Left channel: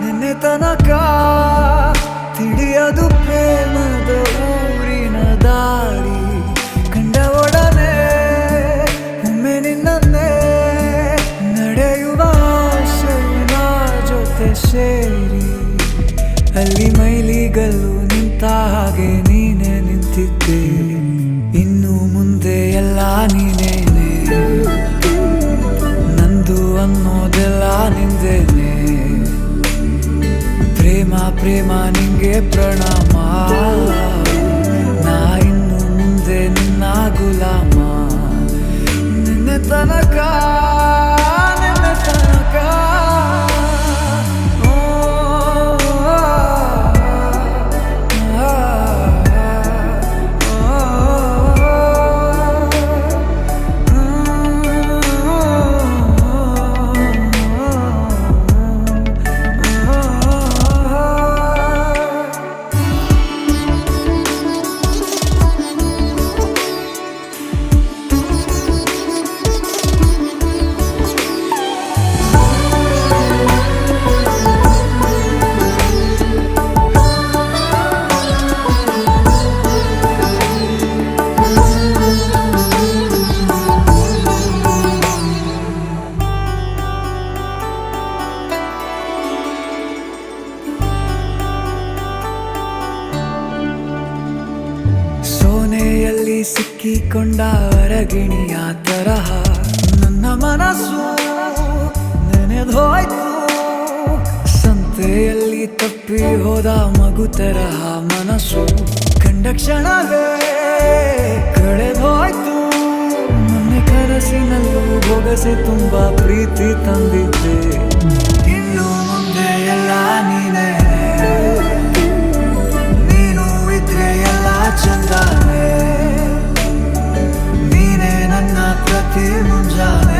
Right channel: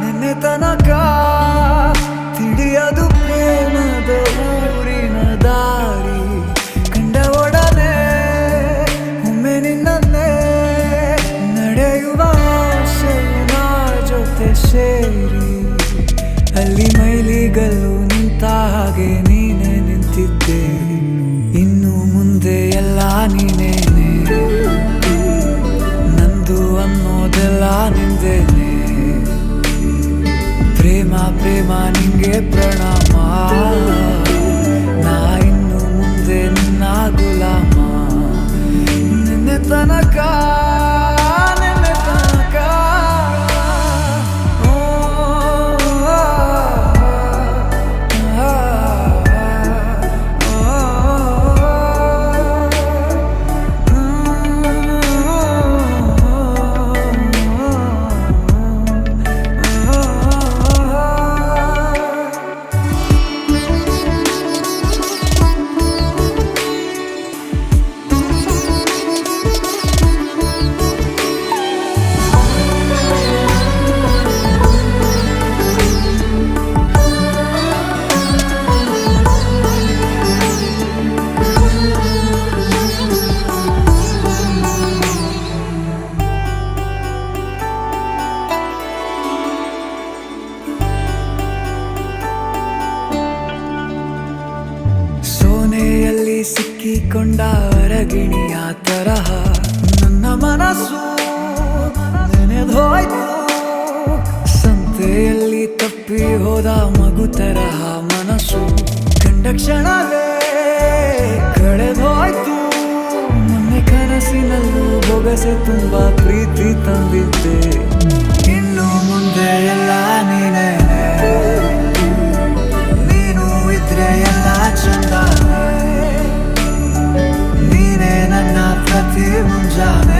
ನಿನ್ನೆ ತನಕ ತಿಳಿಯದು ಪ್ರೇಮದ ಊರಿನ ದಾರಿ. ಕಂಡ ಒಡನೆ ಒಮ್ಮೆ ನಿನ್ನೇ ನಡೆಯುವ ಆಸೆಯ ಜೊತೆ ಸೇರಿ, ಅಲ್ಲಿ ಮೈಲಿಗಲ್ಲು ನಿಂತ ಹಾಗೆ ನೀನೆ ನಿಂತಿದ್ದೆ. ಇನ್ನು ಮುಂದೆ ಎಲ್ಲ ನೀನೇನೆ, ನಂದು ಅನ್ನೋದೆಲ್ಲ ನಿಂದೇನೆ. ಪ್ರೇಮ ಪ್ರೇಮ ನಿಂಗೆ ಪ್ರಣಾಮ, ನಾ ಇನ್ನು ಮುಂದೆ ನಿನ್ನ ಗುಲಾಮ. ನಿನ್ನೆ ತನಕ ಸೋನೆಯಲ್ಲಿ ಸಿಕ್ಕಿಕೊಂಡ ಅರಗಿಣಿಯ ತರಹ ನನ್ನ ಮನಸ್ಸು ನೆನೆದೋಯ್ತು. ಸಂತೆಯಲ್ಲಿ ತಪ್ಪಿ ಹೋದ ಮಗು ತರಹ ಮನಸ್ಸು ಕಂಡ ಕ್ಷಣವೇ ಕಳೆದೋಯ್ತು. ಮೊನ್ನೆ ಕನಸಿನಲ್ಲೂ ಬೊಗಸೆ ತುಂಬಾ ಪ್ರೀತಿ ತಂದಿದ್ದೆ. ಇನ್ನು ಮುಂದೆ ಎಲ್ಲ ನೀನೇ, ನೀನು ಇದ್ರೆ ಎಲ್ಲ ಚಂದಾನೆ. ನೀನೇ ನನ್ನ ಪ್ರತಿ ಮುಂಜಾನೆ.